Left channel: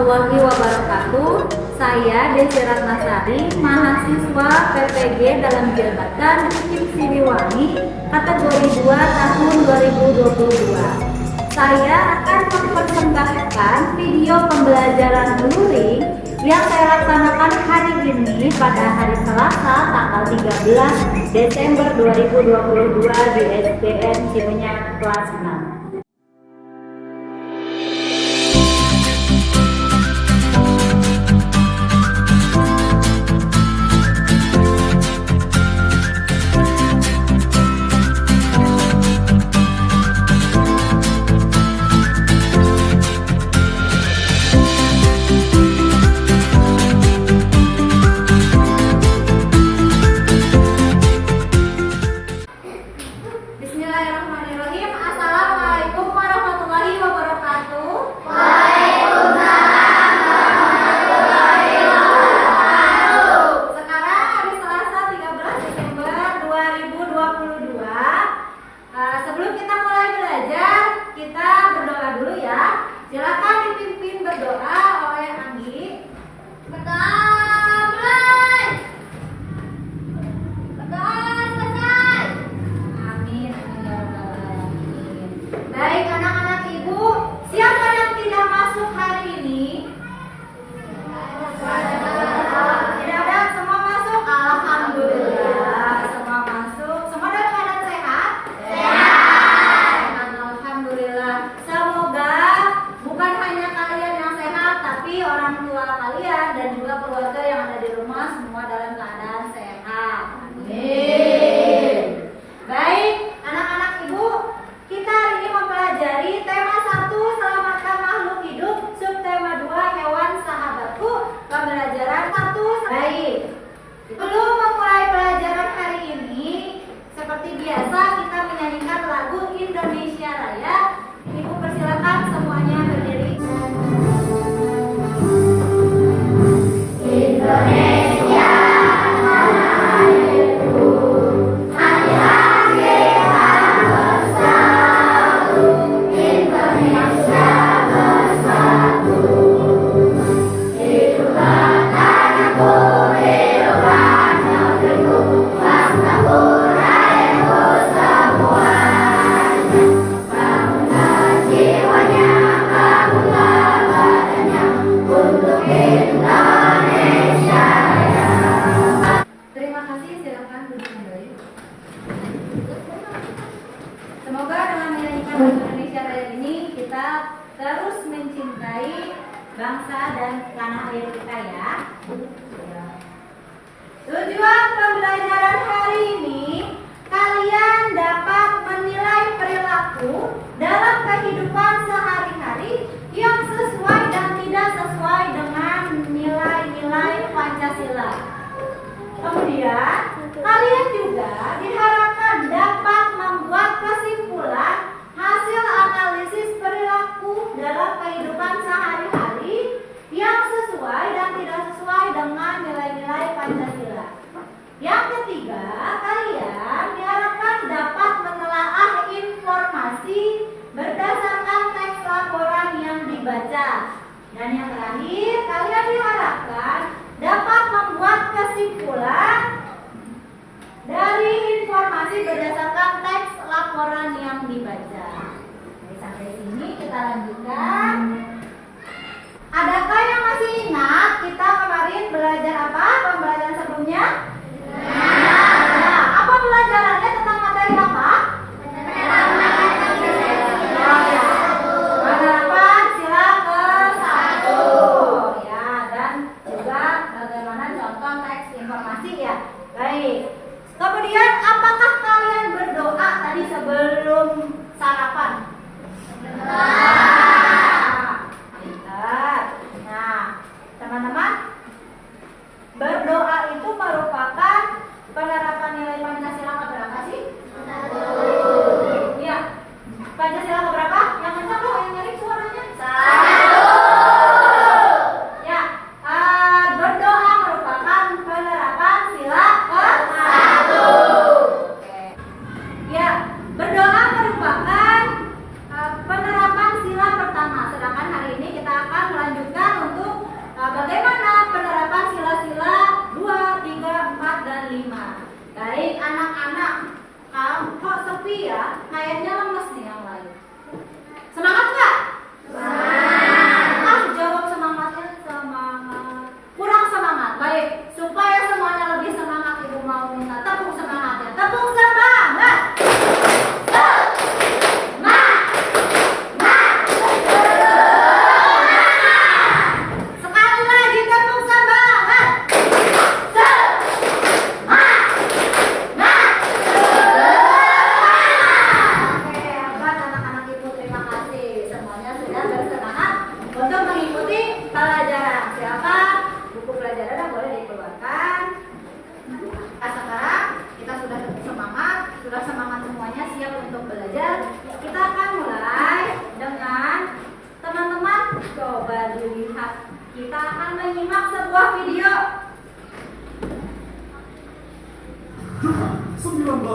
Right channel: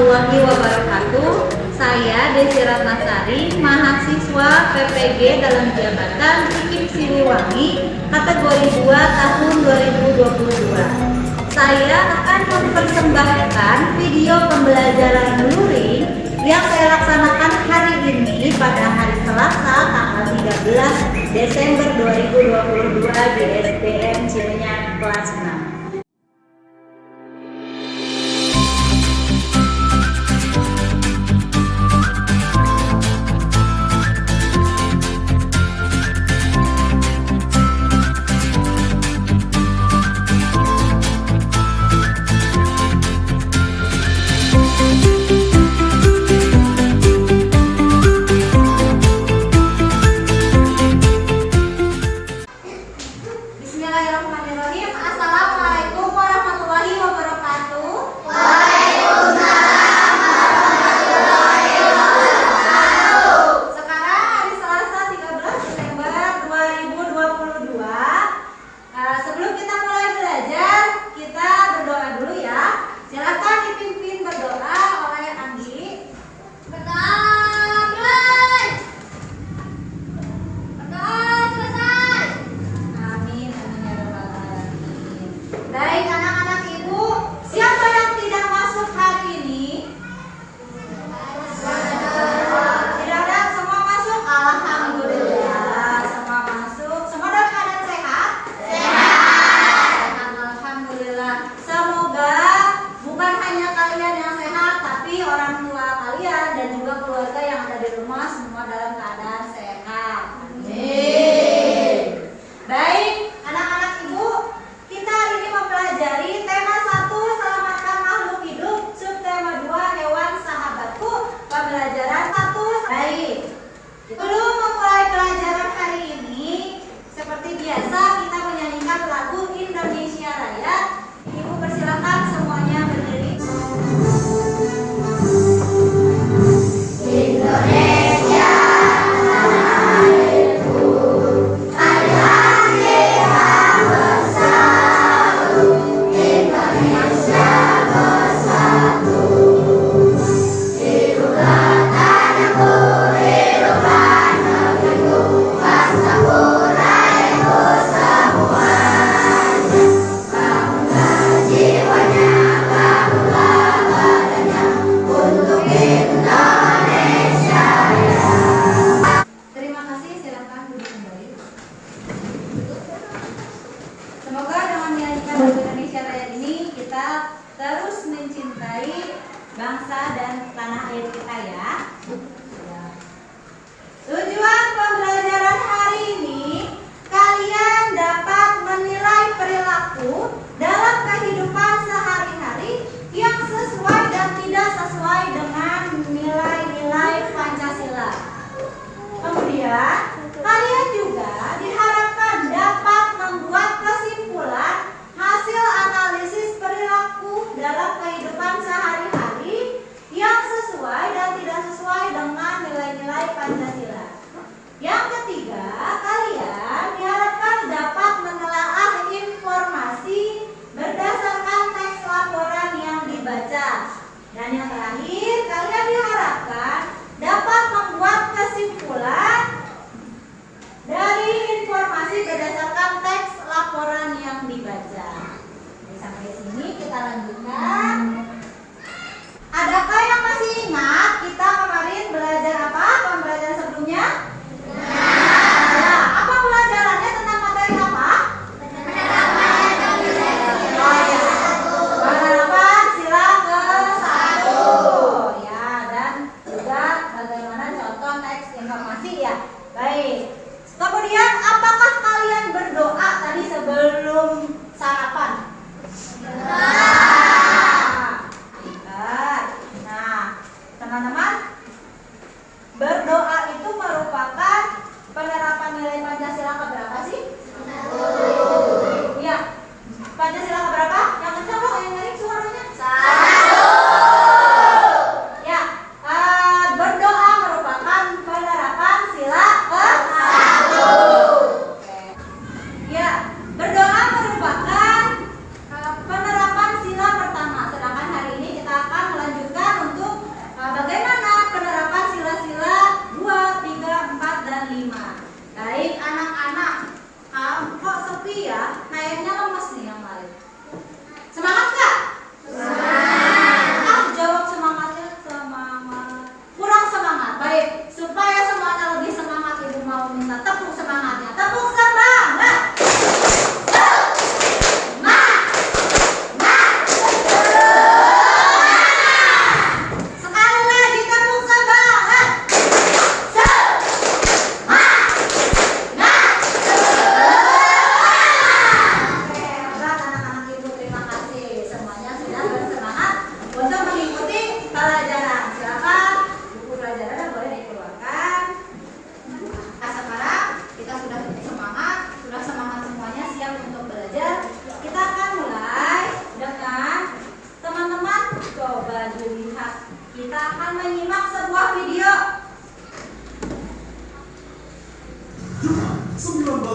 warahmatullahi wabarakatuh. Saya Desi Ratnasari, mahasiswa PPG dalam jabatan IKIP Siliwangi, kategori 2 tahun 2022. Saya akan mempersembahkan video pembelajaran luring yang saya laksanakan hari ini pada hari Selasa tanggal 13 Desember 2022 di SDN Cimenyan kelas 6. Bismillahirrahmanirrahim. Assalamualaikum warahmatullahi wabarakatuh. Sekarang hari Selasa 13 Desember 2022. Sebelum kita mulai belajar, kita berdoa dulu ya. Silakan dipimpin berdoa oleh Anggi. Berdoa mulai. Berdoa selesai. Amin, amin ya rabbal alamin. Baik anak-anak ibu, siapa yang tidak masuk hari ini? Tidak ada, semua masuk. Alhamdulillah, semua masuk. Semua dalam keadaan sehat? Sehat. Alhamdulillah. Semoga bukan hanya kalian yang sehat, tapi orang tua kalian dan juga keluarga yang ada di rumah semua dalam keadaan sehat. Amin. Baik, anak-anak ibu, kita hari ini mempelajari tema 1 selamatkan makhluk hidup, subtema 2 hewan sahabatku, pembelajaran 1. Baik, sebelum memulai pelajaran hari ini, seperti biasa kita menyanyikan lagu Indonesia Raya. Ibu persilakan semuanya berdiri. Indonesia Terima kasih, silakan duduk kembali. Semoga dengan menyanyikan lagu Indonesia Raya ini kita terus mencintai bangsa dan tanah air kita ya. Tujuan pembelajaran hari ini, kalian dapat menilai perilaku dalam kehidupan sehari-hari yang sesuai dan tidak sesuai dengan nilai-nilai Pancasila. Kemudian, kalian juga diharapkan dapat membuat kesimpulan hasil analisis perilaku dalam kehidupan sehari-hari yang sesuai dan tidak sesuai dengan nilai-nilai Pancasila. Yang ketiga, kalian diharapkan dapat menelaah informasi berdasarkan teks laporan yang dibaca. Dan yang terakhir, kalian diharapkan dapat membuat kesimpulan dari informasi berdasarkan teks laporan yang dibaca. Jadi, sampai sini kita lanjutkan. Adakah yang masih ingat kita kemarin belajar apa? Pembelajaran sebelumnya? Nah, apa pelajarannya tentang materi apa? Penerapan sila ke-1 ya, dan juga bagaimana contoh teks informasi ya. Baik. Kemudian apakah kalian berdoa tadi sebelum sarapan? Nah, teman-teman, berdoa itu merupakan penerapan nilai Pancasila keberapa sih? Iya. Pancasila keberapa? Yang kencang loh, yang ngerik suaranya. 1. Ya, berdoa merupakan penerapan sila ke-1. Oke. Ya, berdoa merupakan penerapan sila pertama. Sedangkan hari ini kita akan melanjutkan untuk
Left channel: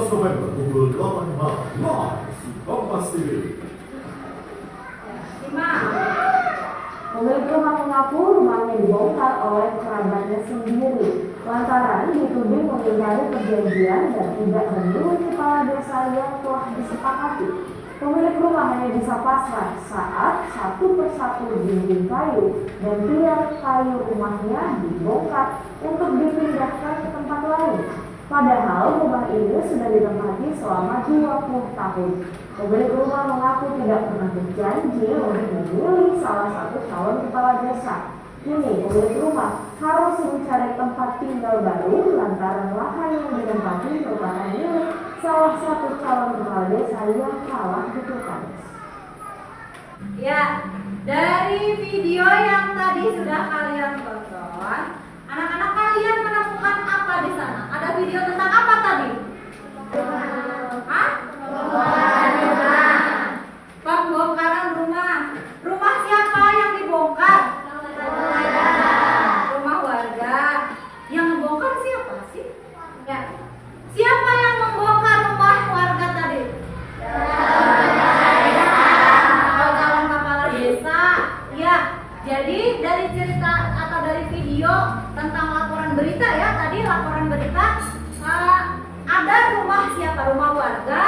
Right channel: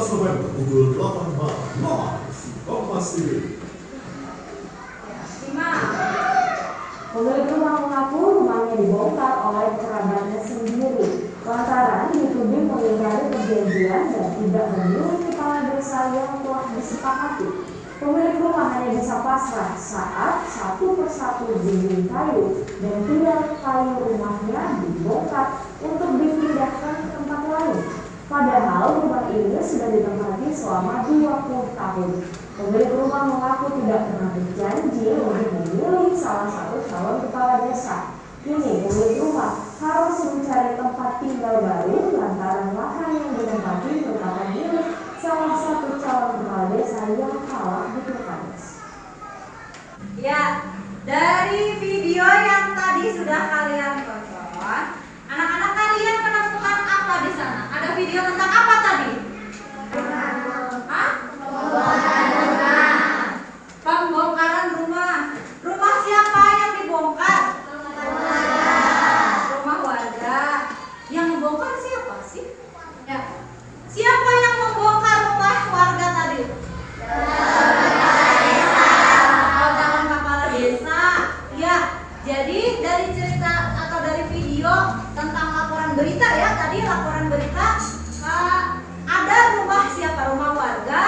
November pukul 8 malam live Kompas TV. Pemilik rumah mengaku rumahnya dibongkar oleh kerabatnya sendiri lantaran dituding mengingkari perjanjian dan tidak memilih kepala desa yang telah disepakati. Pemilik rumah hanya bisa pasrah saat satu persatu dinding kayu dan tiang kayu rumahnya dibongkar untuk dipindahkan ke tempat lain. Padahal rumah ini sudah ditempati selama 20 tahun. Pemilik rumah mengaku tidak pernah berjanji untuk memilih salah satu calon kepala desa. Kini pemilik rumah harus mencari tempat tinggal baru lantaran lahan yang ditempati merupakan milik salah satu calon kepala desa yang kalah di pilkades. Ya, dari video yang tadi sudah kalian tonton, anak-anak kalian menemukan apa di sana? Ada video tentang apa tadi? Hah? Pembongkaran rumah. Rumah siapa yang dibongkar? Rumah warga. Yang membongkar siapa sih? Ya. Siapa yang membongkar rumah warga tadi? Oh, calon kepala desa. Ya. Jadi dari cerita atau dari video tentang laporan berita ya, tadi laporan berita ada rumah siapa? Rumah warga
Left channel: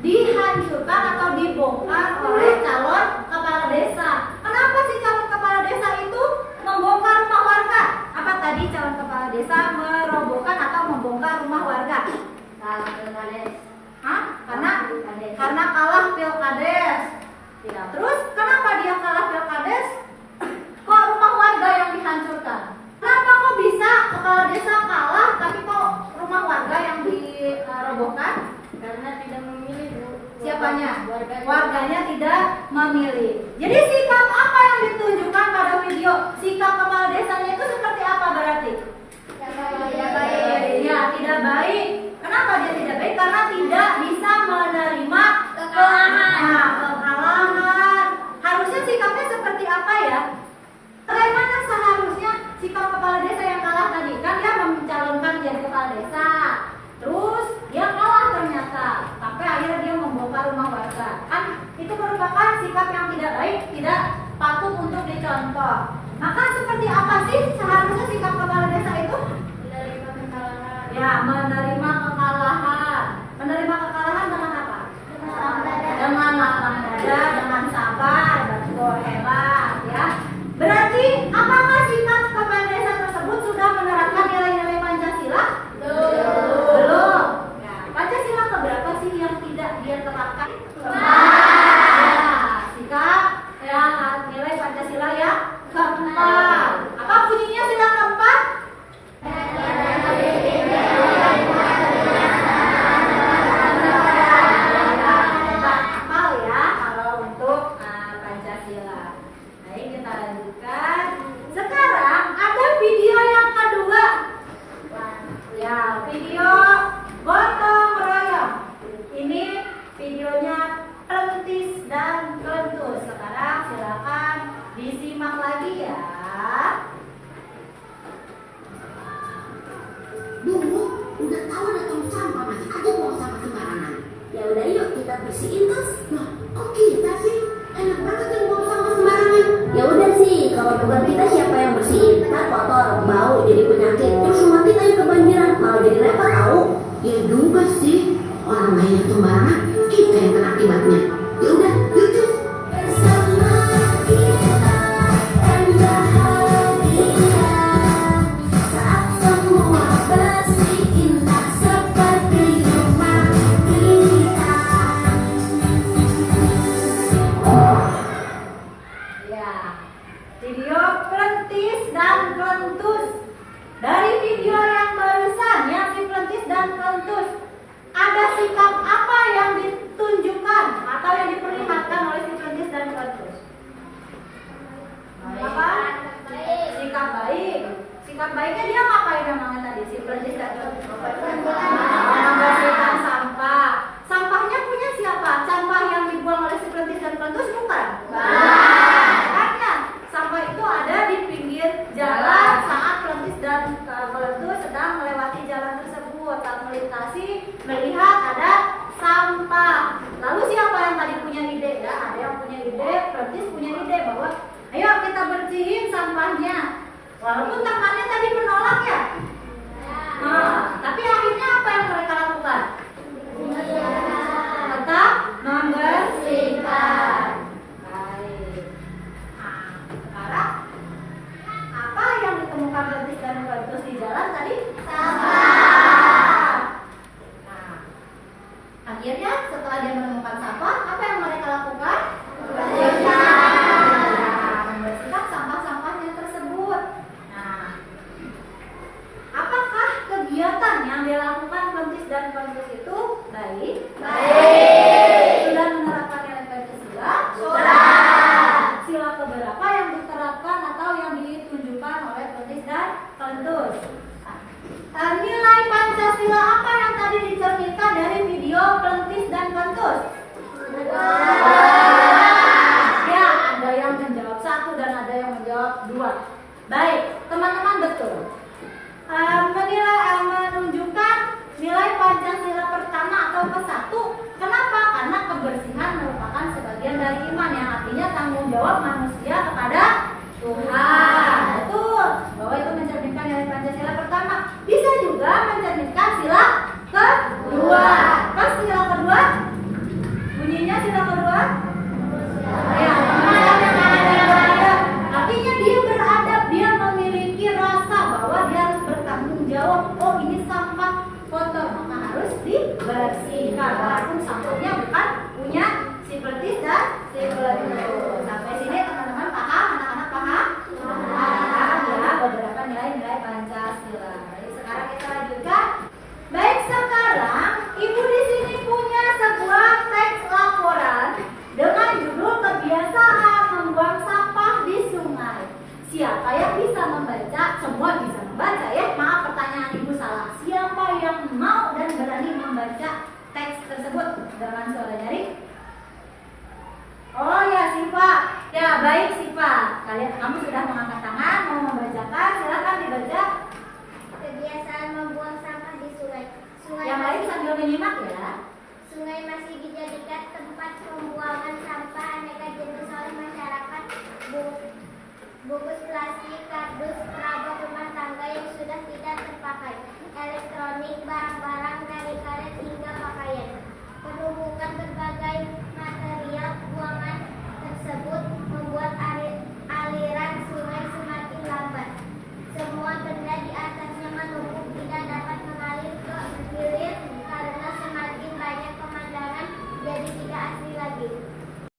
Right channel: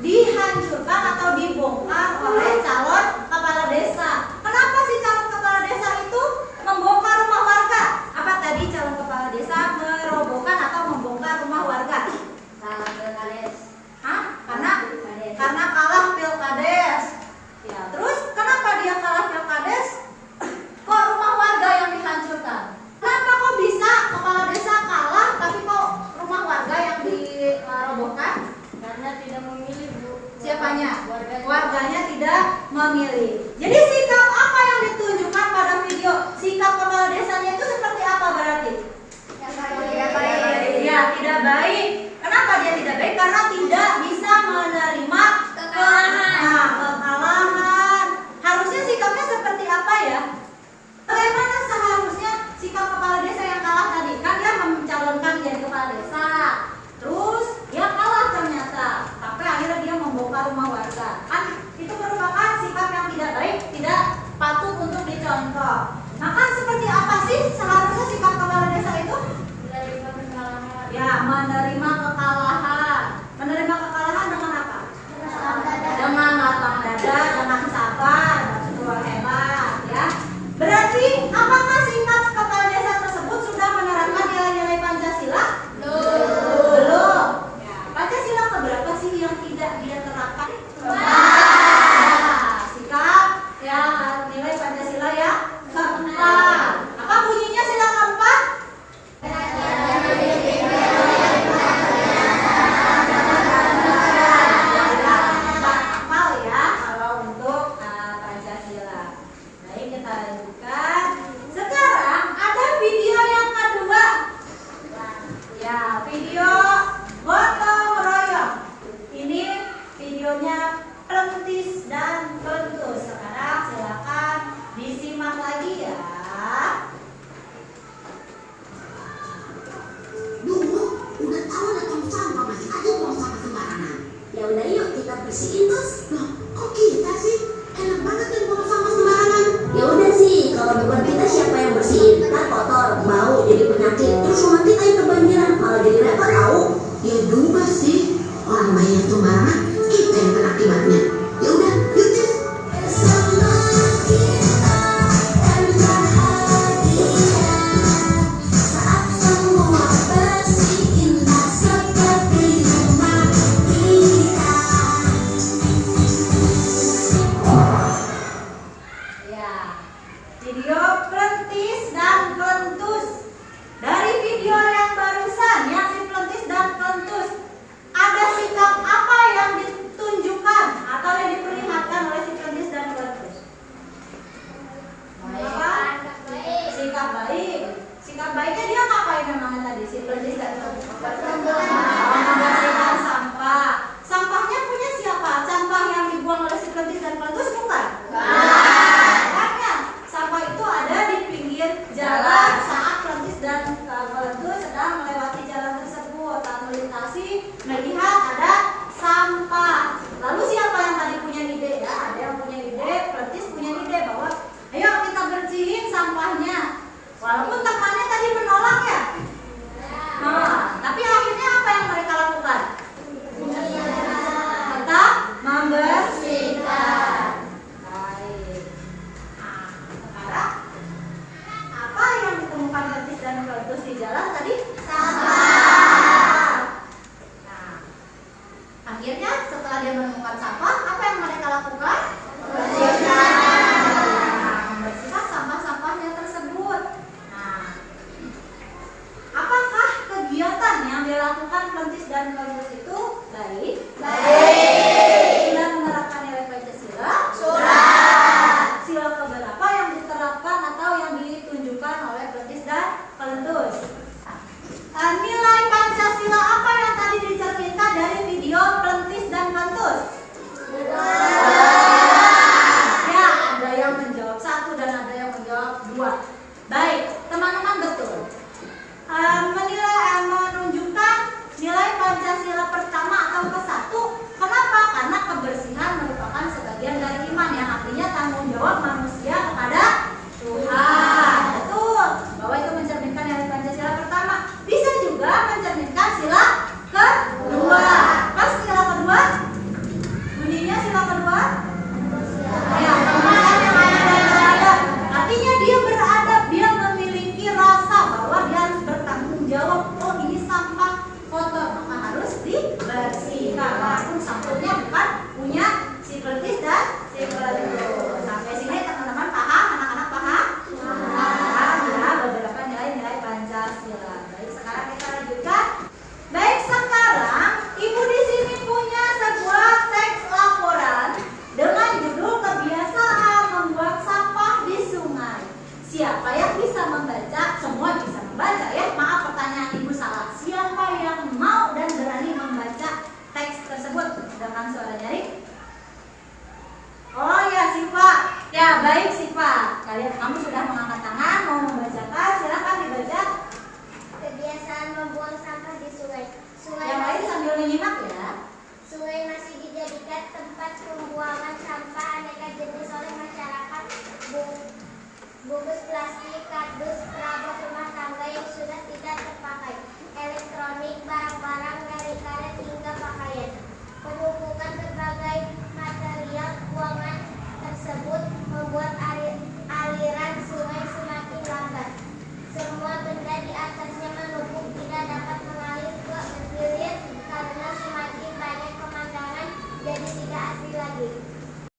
dihancurkan atau dibongkar oleh calon kepala desa. Kenapa sih calon kepala desa itu membongkar rumah warga? Apa tadi calon kepala desa merobohkan atau membongkar rumah warga? Kalah pilkades. Hah? Karena kalah pilkades. Ya, terus kenapa dia kalah pilkades? Kok rumah warga yang dihancurkan? Kenapa kok bisa kepala desa kalah tapi kok rumah warga yang dirobohkan? Karena tidak memilih, Bu. Siapanya? Warganya. Warganya tidak memilih. Jadi sikap apa yang ditunjukkan pada video? Sikap kepala desanya itu seperti apa berarti? Tidak baik. Ya, tidak baik. Kenapa dia tidak baik? Karena tidak bisa menerima kekalahan. Harusnya sikapnya seperti apa ya? Bagaimana seharusnya sikap kepala desa yang kalah tadi? Kan dia mencalonkan jadi kepala desa. Terus dia kalah ternyata. Sampai akhirnya dia membongkar rumah warga. Kan itu merupakan sikap yang tidak baik, tidak patut untuk dicontoh. Maka seperti apa sih seharusnya sikap kepala desa itu? Menerima kekalahan. Ya, menerima kekalahan. Menerima kekalahan dengan apa? Dengan lapang dada, dengan sabar. Betul, hebat ya. Berarti apakah sikap kepala desa tersebut sudah menerapkan nilai-nilai Pancasila? Belum. Ya, Pancasila keberapa sih yang tidak dia terapkan? Sikap yang nilai Pancasila ya keempat. Apa bunyinya sila keempat? Hafal ya kalau untuk Pancasila. Baik, kita lanjutkan. Sekarang ada video yang kedua. Ya, video gotong royong. Ini videonya Pelentis dan Kelentus. Sekarang silakan disimak lagi ya. Dulu udah tahu ada tong sampah masih aja buang sampah sembarangan. Ya udah yuk kita bersihin terus. Loh, kok kita sih? Enak banget yang buang sampah sembarangan. Ya udah sih, kalau bukan kita siapa yang bersihin? Ntar kotor, bau, jadi penyakit. Terus nanti aja kebanjiran, malah jadi repot tahu. Ya juga sih, orang lain sembarangan, kita yang kena akibatnya. Ya udah, yuk tis. Bersama kita dan bahagia saat semua bersih indah seperti rumah kita. Ya, video Pelentis dan Kelentus. Dari video yang barusan yang si Pelentis dan Kelentus, ada sikap apa yang ditunjukkan atau yang diperlihatkan oleh si Pelentis dan Kelentus? Apa? Sikap baik. Sikap baiknya dia ngapain namanya tadi si Pelentis dan Kelentus? Membersihkan sampah. Sampahnya punya siapa? Sampah yang dibuang oleh si Pelentis dan Kelentus bukan? Makanya sampah itu ada di pinggir jalan saat Pelentis dan Kelentus sedang melewati jalan tersebut. Saat melintasi melihat ada sampah. Lalu siapa yang tadi punya ide ya? Ada yang punya ide, Perintis punya ide bahwa ayo kita bersihin sampahnya. Walaupun temannya tadi menolak ya. Tapi akhirnya apa yang mereka lakukan? Tetap membersihkan. Baik. Sekarang apa yang ditemukan Perintis dan Perintis di jalan tadi? Sampah. Nah, akhirnya setelah dia menemukan sampah, apa yang mereka lakukan? Membersihkan sampah-sampahnya tersebut. Nah, apakah kegiatan yang dilakukan Perintis dan Perintis itu baik? Sudah menerapkan nilai Pancasila? Sudah. Sila keberapa yang diterapkan atau yang ditunjukkan oleh Perintis dan Perintis? Nilai Pancasila apa yang tadi diceritakan dari video Perintis dan Perintis? Ya, ada yang menjawab 1 dan ada yang menjawab 2. Baik, teman-teman betul. Menunjukkan nilai Pancasila pertama atau ke-1. Kenapa? Karena kebersihan merupakan sebagian dari iman, yang artinya tanggung jawab manusia kepada Tuhan. Betul, bahwa itu mencerminkan nilai Pancasila pertama. Bisa juga mencerminkan sila kedua. Pas sila kedua? Bunyinya sila kedua? Ya, artinya dia beradab, dia memiliki rasa bahwa dia harus bertanggung jawab. Oh, ini sampah kotor, maka harus dibersihkan. Walaupun sampahnya bukan punya si Perintis dan si Perintis. Sampai sini teman-teman paham? Anak-anak paham? Paham ya beberapa nilai-nilai Pancasila. Baik, sekarang kita lanjutkan. Baik, sekarang Ibu di sini punya sebuah teks laporan dengan judul kebiasaan membuang sampah di sungai. Siapa yang bisa membaca? Semua bisa membaca ya. Maaf, pertanyaan Ibu salah. Siapa yang mau dan berani membaca teks tersebut dengan suara nyaring? Oh ya, Siva. Ya, baik Siva. Kamu sudah mengangkat tangan mau membacakan. Silakan dibaca. Kebiasaan membuang sampah di sungai. Yang lain sambil menyimak ya. Sungai masih dijadikan tempat pembuangan sampah aneka jenis oleh masyarakat. Bungkus plastik, kardus, perabot rumah tangga yang sudah tidak terpakai, elektronik, barang-barang dari karet hingga pakaian. Penumpukan berbagai material buangan tersebut membuat aliran sungai semakin lambat. Semua benda di atasnya menumpuk, tidak dapat mengalir ke hilir karena semakin banyak pemandangan jadi tidak asli lagi.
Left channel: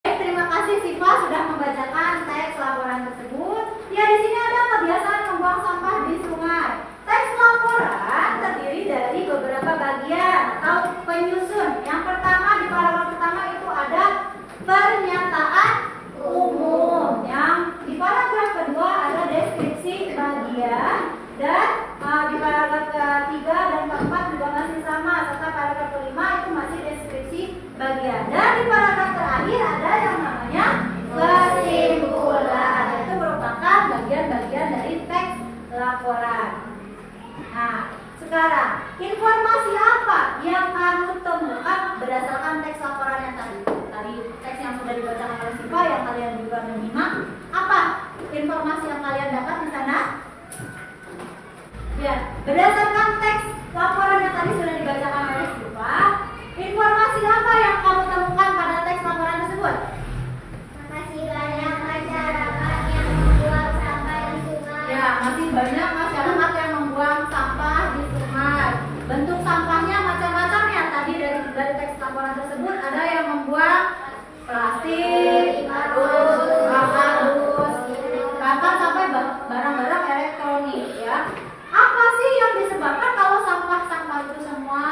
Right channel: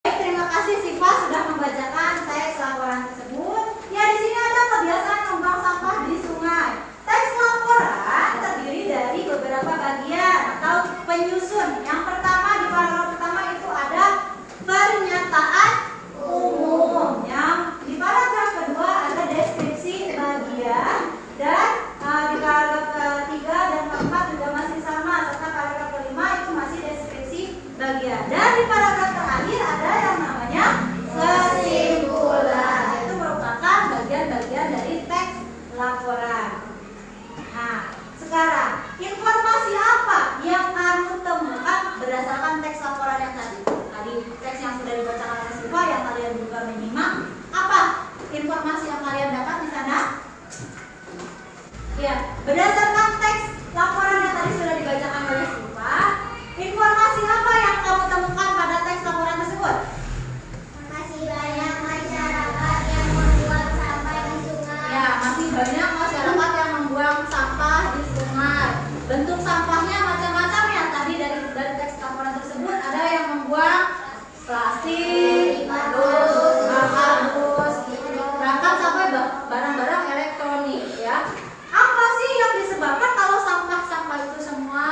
Baik, terima kasih Siva sudah membacakan teks laporan tersebut. Ya, di sini ada kebiasaan membuang sampah di sungai. Teks laporan terdiri dari beberapa bagian atau penyusun. Yang pertama, di paragraf pertama itu ada pernyataan umum. Yang di paragraf kedua ada deskripsi bagian, dan di paragraf ketiga dan keempat juga masih sama, serta paragraf kelima itu masih deskripsi bagian. Dan di paragraf terakhir ada yang namanya kesimpulan. Itu merupakan bagian-bagian dari teks laporan. Nah, sekarang informasi apa yang kamu temukan berdasarkan teks laporannya tadi? Tadi teks yang sudah dibacakan oleh Siva, yang kalian juga menyimak. Apa informasi yang kalian dapat di sana? Ya, berdasarkan teks laporan yang tadi sudah dibacakan oleh Siva, informasi apa yang kamu temukan pada teks laporan tersebut? Masih banyak masyarakat yang membuang sampah di sungai. Ya, masih banyak masyarakat yang membuang sampah di sungai. Bentuk sampahnya macam-macam ya. Tadi dari teks laporan tersebut ada yang membuang plastik, kardus, bahkan sampai barang-barang elektronik ya. Apa sih yang disebabkan kalau sampah-sampah itu semua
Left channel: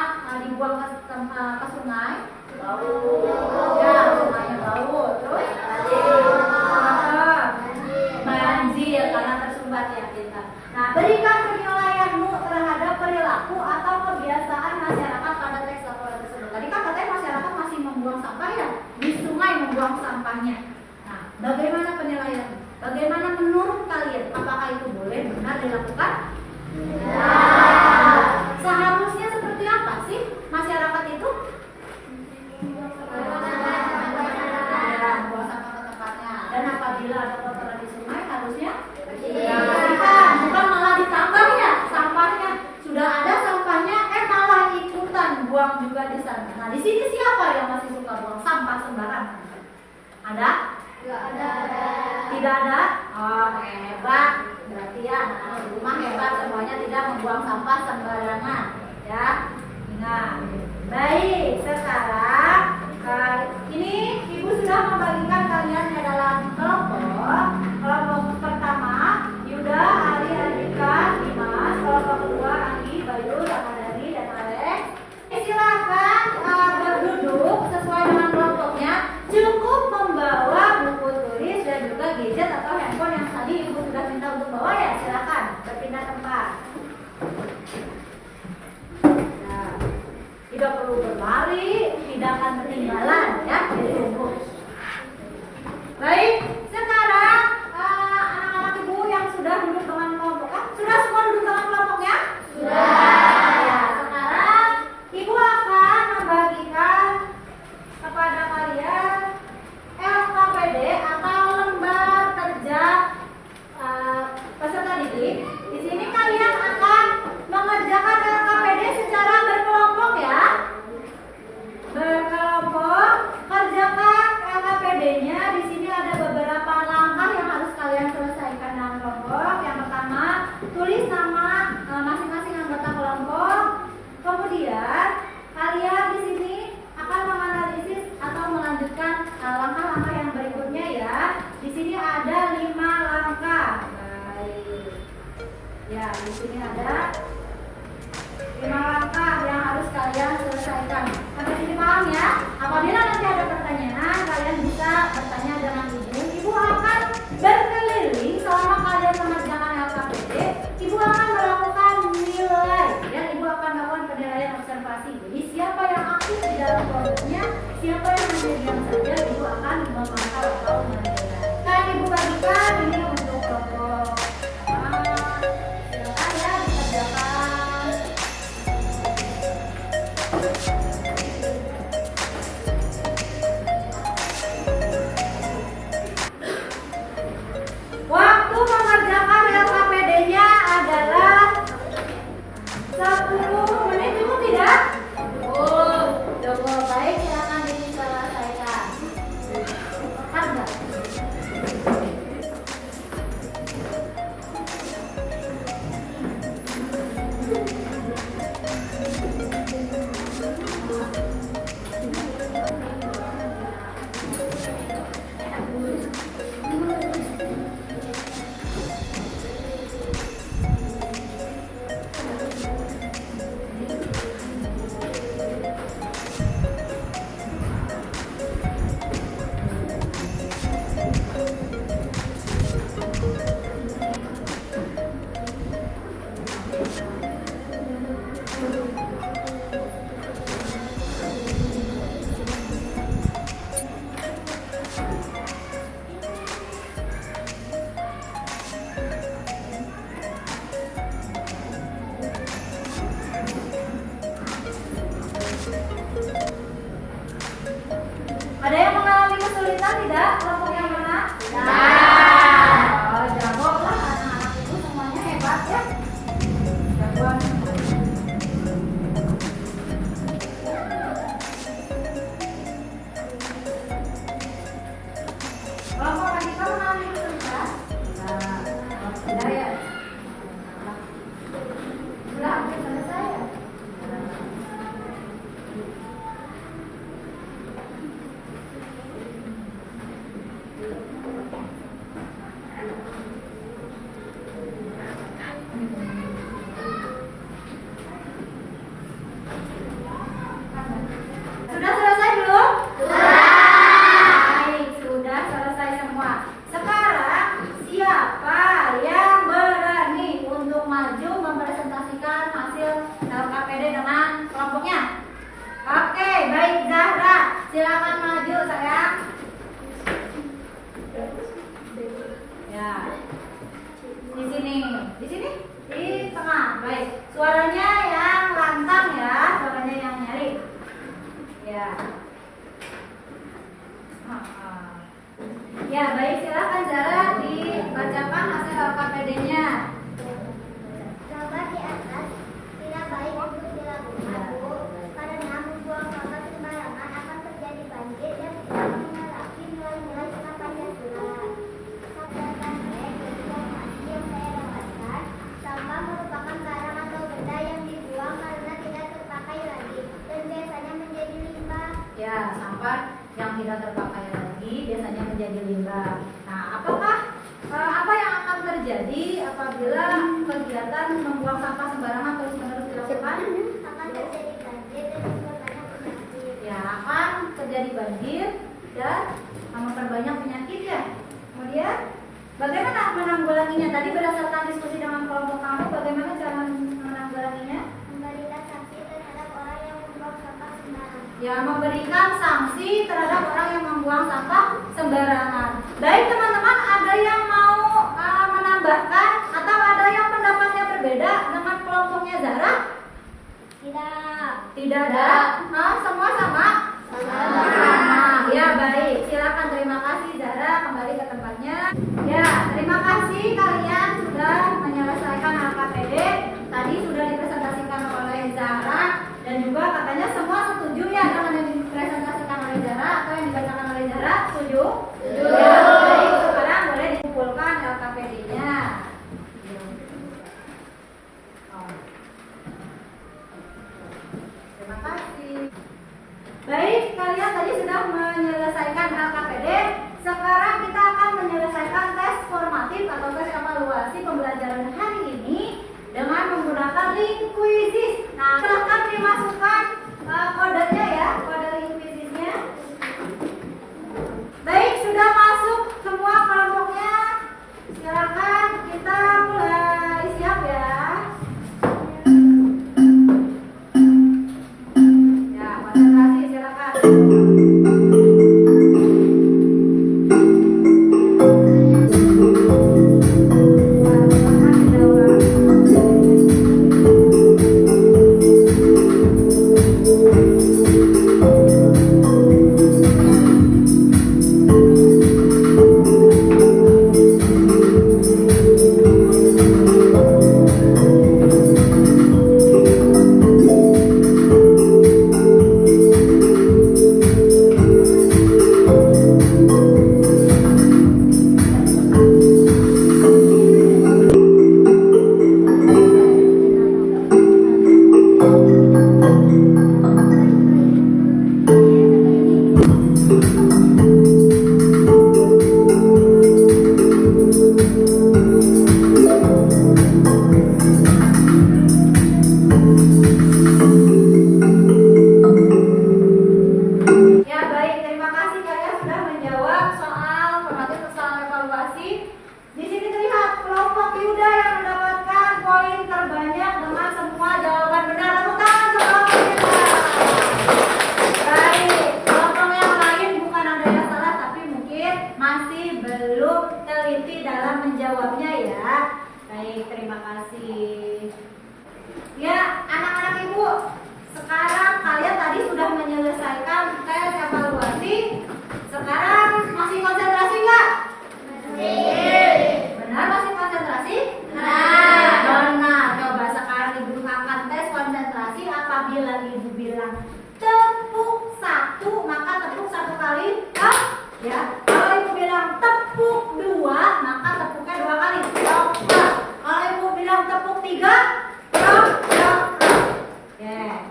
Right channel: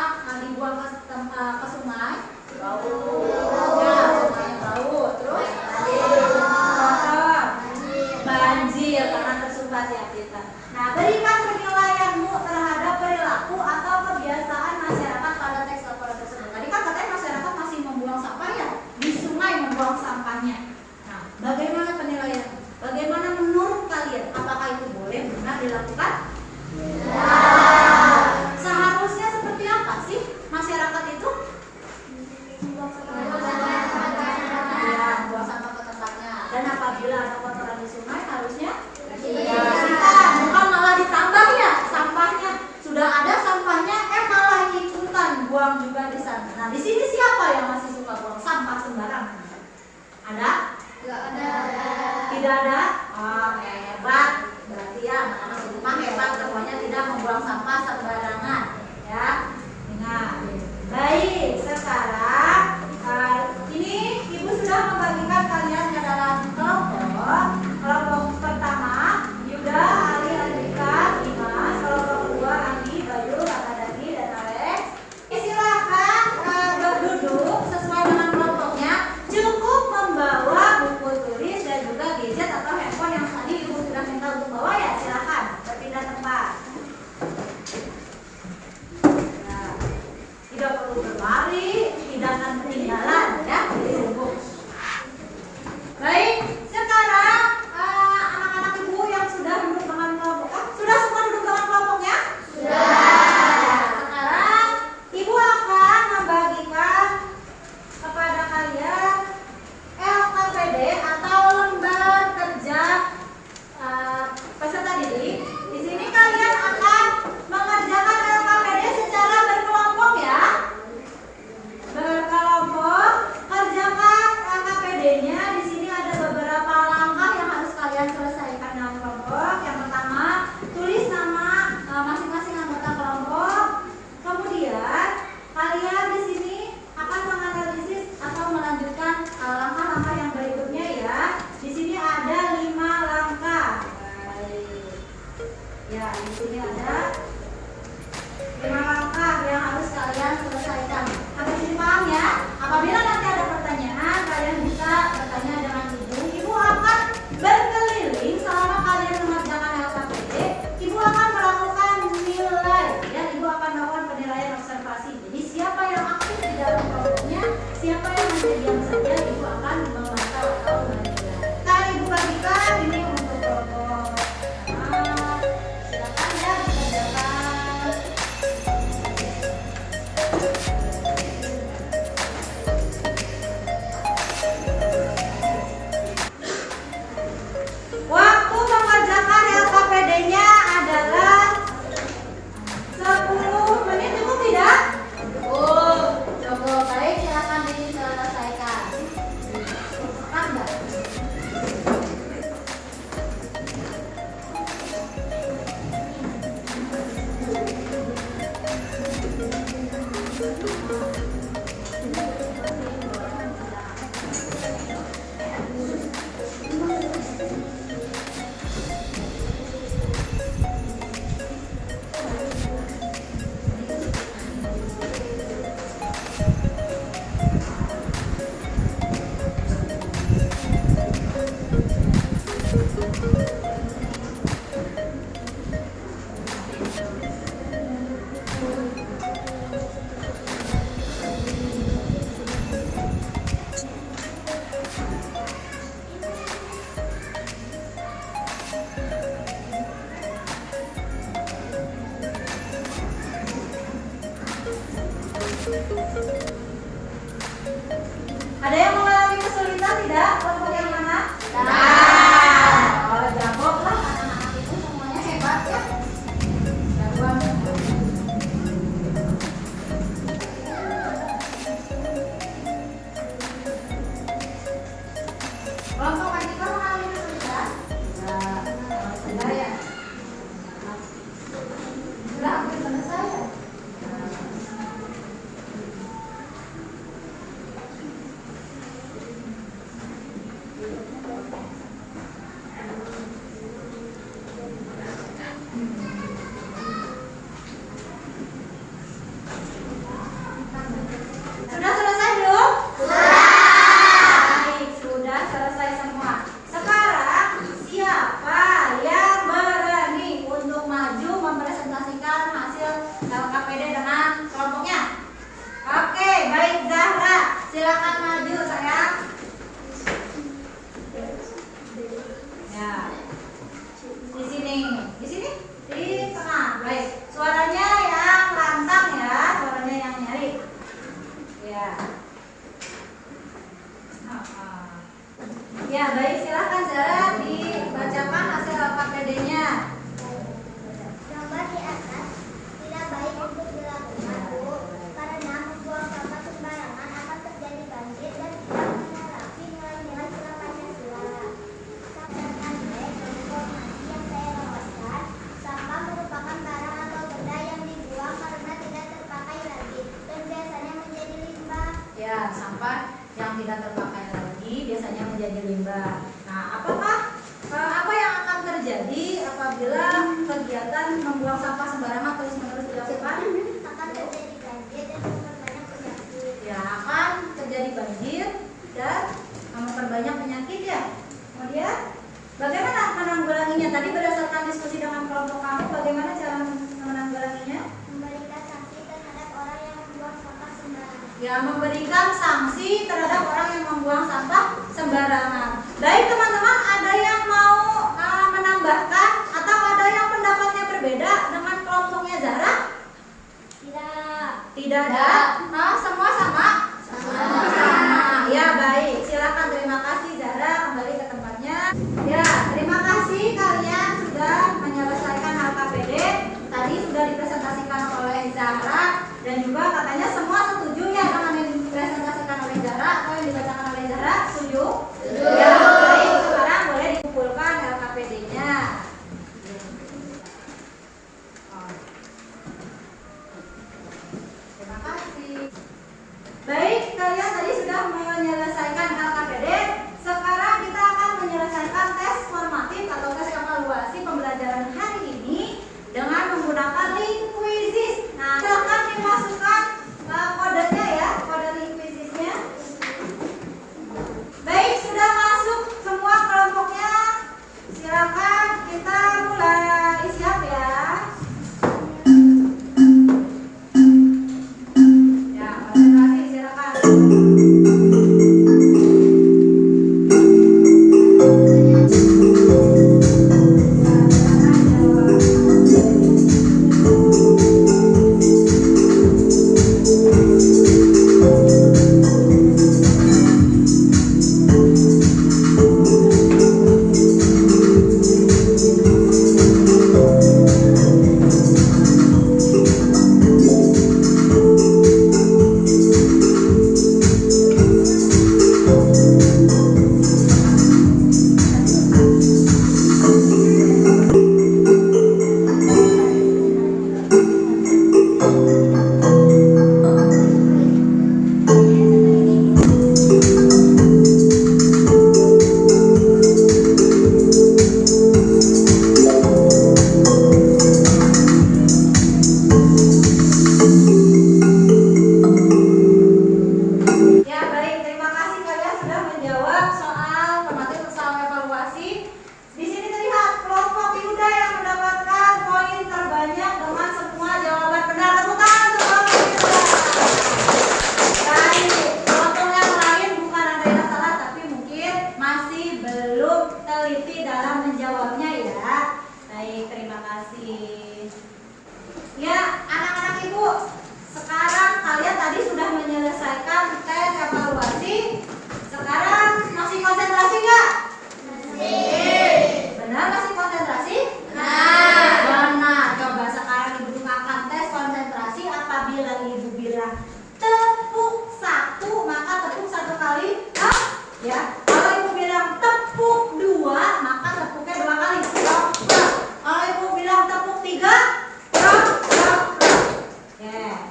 Nah, di sini siapa yang masih suka buang sampah sembarangan? Ada? Tidak ada. Tidak ada? Oh, hebat. Berarti ya anak-anak di rumah hebat, semuanya tidak membuang sampah sembarangan. Ya, ingat. Baik, sekarang ini Ibu sudah membagikan kalian ke dalam kelompok. Kelompok pertama, Yuda, Ali, Andika, Dimas. Kelompok kedua, Anggi, Bayu, Ramadhani, dan Alex. Silakan berduduk sesuai dengan kelompoknya. Cukup membawa buku tulis dan juga gadget atau handphone yang tadi Ibu sudah minta untuk bawa ya. Silakan berpindah tempat. Nah, tidak perlu berlari, tidak akan ketinggalan ya. Baik, sekarang anak-anak Ibu yang sudah duduk dengan kelompok, sudah semua duduk dengan kelompoknya? Sudah. Sekarang Ibu akan membagikan kepada kalian LKPD atau lembar kerja peserta didik. Di sini kalian akan mengerjakan LKPD secara berkelompok ya. Berkelompok, kerjakan LKPD-nya. Di sini ada beberapa langkah yang harus kalian selesaikan dalam kelompok. Yang pertama, tulis nama masing-masing anggota kelompok. Kemudian kalian di sini akan menganalisis atau melanjutkan langkah-langkah yang berikutnya ya. Di sini ada 5 langkah. Baik. Ya, di sini ada 5 langkah yang harus kalian selesaikan. Sampai sini paham ya? Apabila nanti ada pertanyaan, kalian bisa bertanya dengan Ibu. Ibu akan berkeliling selama kalian mengerjakan LKPD. Ibu akan melakukan nilai ya. Ibu akan melakukan penilaian observasi. Jadi siapa yang aktif di dalam kelompoknya, siapa yang hanya diam saja, Ibu akan memantau atau menilai. Sekarang Ibu bagikan ini untuk kelompok. Silakan ya dikerjakan. Waktu mengerjakan LKPD-nya adalah 10 menit, cukup tidak? Cukup. Baik, silakan diselesaikan. Cepat enggak? Ada yang mengalami kesulitan tidak? Kelompok yang mana? Oh, jawablah anak-anak itu semuanya hebat ya. Jawab. Kelompok Andika mengalami kesulitan? Sudah ya. Sudah hampir selesai ya. sampah yang tidak terpakai lagi biasanya menjadi limbah. Nah, apa yang akan terjadi apabila kegiatan membuang sampah sembarangan terus-menerus dilakukan? Akan terjadi banjir dan memperbanyak penyakit. Ya, akan terjadi banjir dan memperbanyak penyakit ya. Kemudian bagaimana menanggulanginya? Tadi berdasarkan diskusi dengan kelompok kamu, bagaimana cara menanggulanginya? Memberikan sanksi terhadap orang yang membuang sampah sembarangan. Ya, memberikan sanksi terhadap orang yang membuang sampah sembarangan. Baik teman-teman, ada yang mau menambahkan atau ada yang pendapatnya berbeda dengan kelompoknya Zahra? Tidak ada. Semua sama? Sama. Ya, baik. Silakan, terima kasih Zahra, kembali ke tempatnya. Ya, terima kasih kalian sudah menyelesaikan LKPD. Tadi sudah dipresentasikan oleh Zahra dan juga katanya semua setuju ya dengan yang dipresentasikan oleh Zahra atau yang dibacakan oleh Zahra? Setuju? Setuju. Ya, baik. Sekarang boleh dikumpulkan LKPD-nya. Terima kasih. Baik, kalian tadi sudah menyelesaikan LKPD. Sekarang kita akan menyelesaikan tes formatif atau tes evaluasi pembelajaran hari ini dengan menggunakan Linquizzes. Nah, silakan dimasukkan kodenya ya, kode Linquizzesnya. Baik, sudah masuk semua kelompoknya. Silakan kita mulai, siap ya. Ya, konsentrasi silakan. Ya, baik, terima kasih kalian sudah menjawab soal formatif soal evaluasi. Di sini terlihat kelompok Yuda yang mendapatkan poin terbanyak dengan semua jawaban benar. Tepuk tangan untuk kelompok Yuda. Baik, kelompok yang lain bukan ada yang salah, tapi mungkin masih belum teliti dalam menjawabnya ya. Baik, terima kasih. Ya, anak-anak ibu, sekarang kalian tadi sudah menyelesaikan tes evaluasi. Sekarang masih konsentrasi nggak? Masih. Benar masih konsentrasi? Benar. Coba sekarang ibu akan tes konsentrasi apabila ibu bilang tepuk satu, maka tepuk satu kali. Ya. Kalau ibu bilang tepuk dua, maka tepuknya dua kali. Kalau ibu bilang tepuk tiga,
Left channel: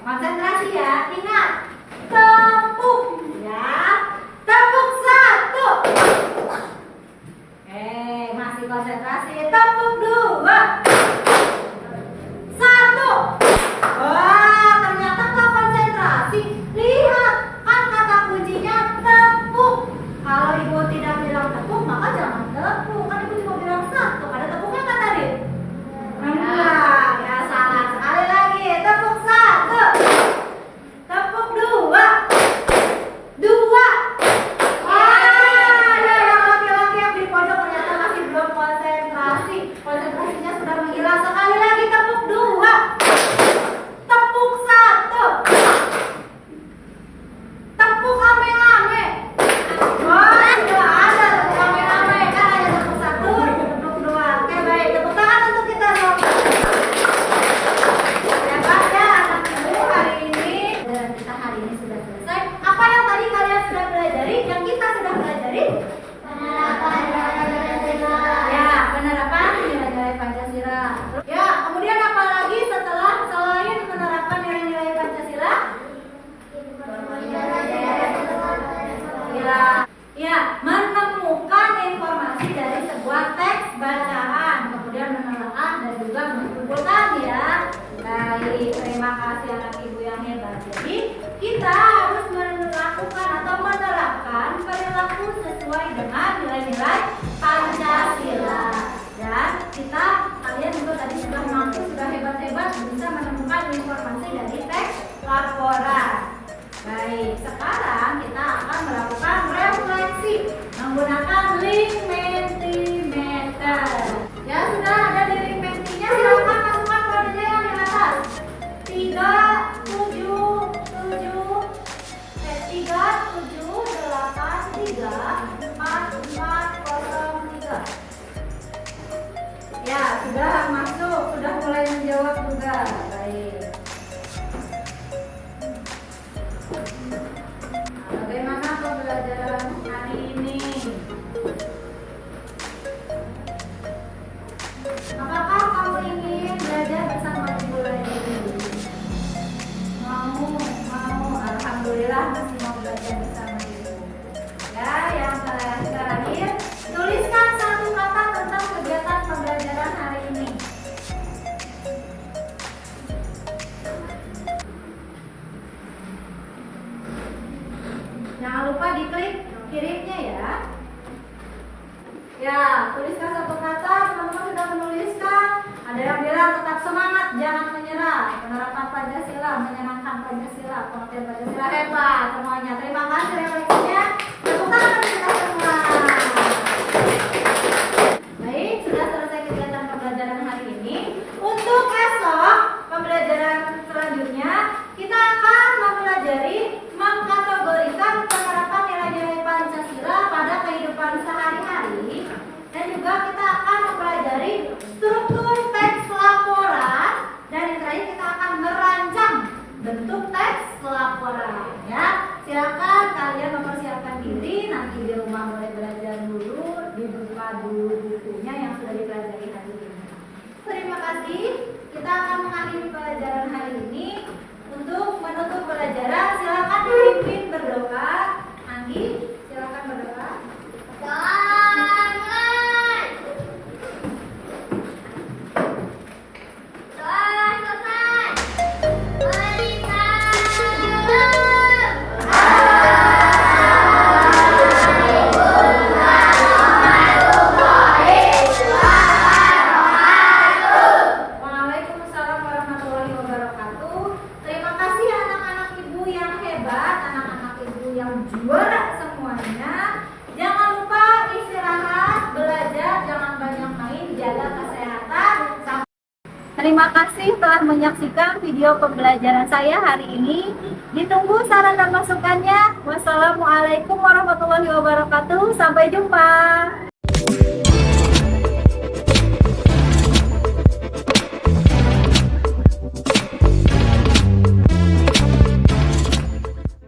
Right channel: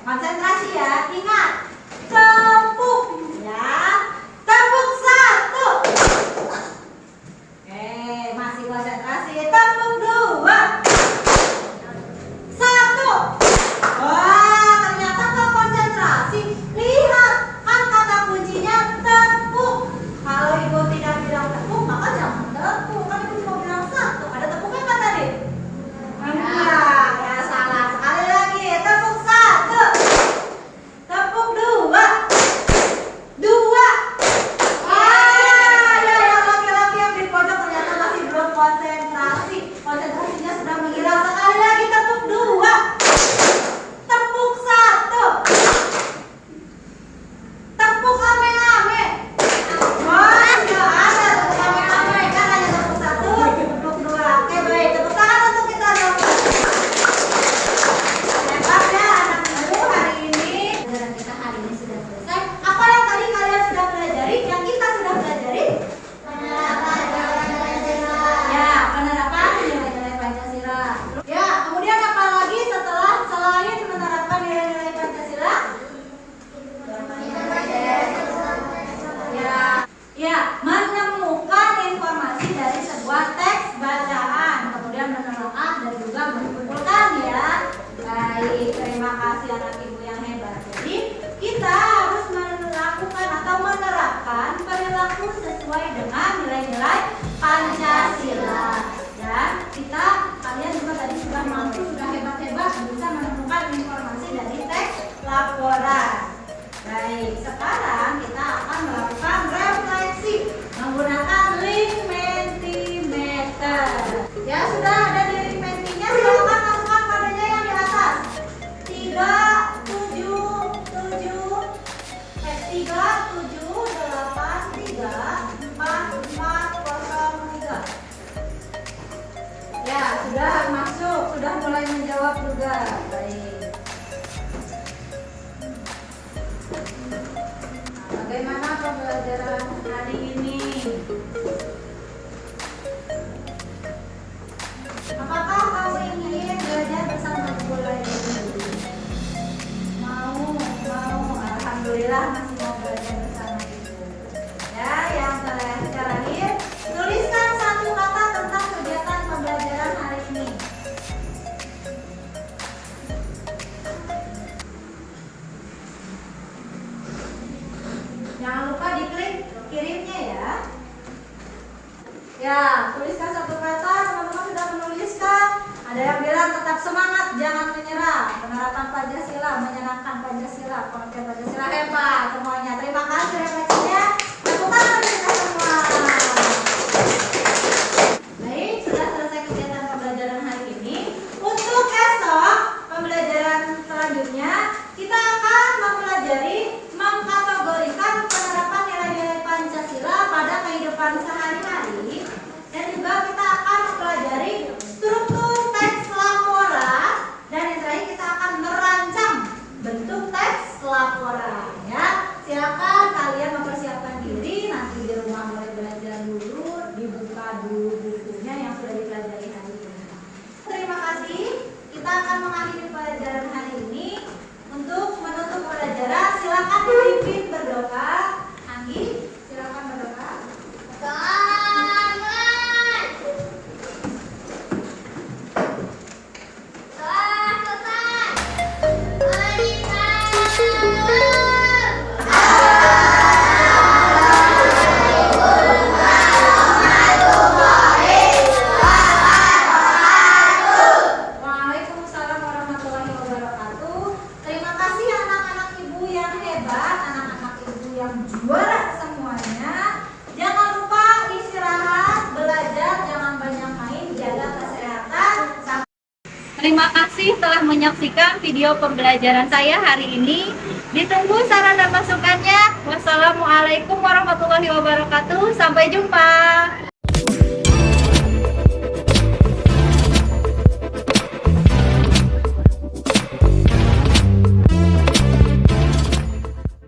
konsentrasi ya, ingat tepuk ya, tepuk satu. Masih konsentrasi, tepuk dua, satu. Wah, ternyata nggak konsentrasi. Lihat kan kata kuncinya tepuk. Kalau kasih anak ibu yang hebat. Jadi kita harus melakukan atau menerapkan perilaku sesuai dengan nilai-nilai Pancasila. Dan kalian juga tadi sudah mampu, sudah hebat-hebat bisa menemukan informasi dari teks laporan. Baik, sekarang kita akan melakukan refleksi menggunakan link Mentimeter. Ya, sudah ada di link Mentinya, silakan masukkan kodenya yang di atas. 3783443. Ya, sudah masuk, sudah mulai menjawab juga. Baik. Bagaimana pembelajaran hari ini? Apakah kamu ingin belajar bersama ibu lagi? Mau. Alhamdulillah masih mau belajar bersama ibu. Ya, yang terakhir, tuliskan satu kata tentang kegiatan pembelajaran hari ini. Jangan lupa diklik kirimnya ya. Ya, tuliskan satu kata, teman-teman sudah menuliskan. Ada yang bilang tetap semangat, jangan menyerah. Penerapan Pancasila, menyenangkan Pancasila, pengertian Pancasila hebat semuanya. Terima kasih refleksinya. Tepuk tangan kita semua. Baik, sudah selesai kegiatan pembelajaran hari ini. Untuk esok, pembelajaran selanjutnya, kita akan mempelajari mengkategorikan penerapan nilai-nilai Pancasila pada kehidupan sehari-hari, dan juga kita akan mempelajari struktur teks laporan, dan yang terakhir kita akan merancang bentuk teks laporan. Ya, silakan kalian mempersiapkan diri, nanti di rumah mulai belajar dulu, dibuka dulu bukunya yang sudah dipelajari hari ini. Terima kasih. Kita akan mengakhiri pelajaran hari ini. Untuk menutup pelajaran, silakan dipimpin berdoa. Anggi, silakan berdoa. Waalaikumsalam warahmatullahi wabarakatuh. Terima kasih anak-anak ibu yang hebat, anak-anak ibu yang juara semuanya. Jangan lupa istirahat, belajar, jangan banyak main, jaga kesehatan. Terima kasih telah menyaksikan video pembelajaran saya hari ini. Ditunggu saran dan masukannya. Wassalamualaikum warahmatullahi wabarakatuh. Sampai jumpa.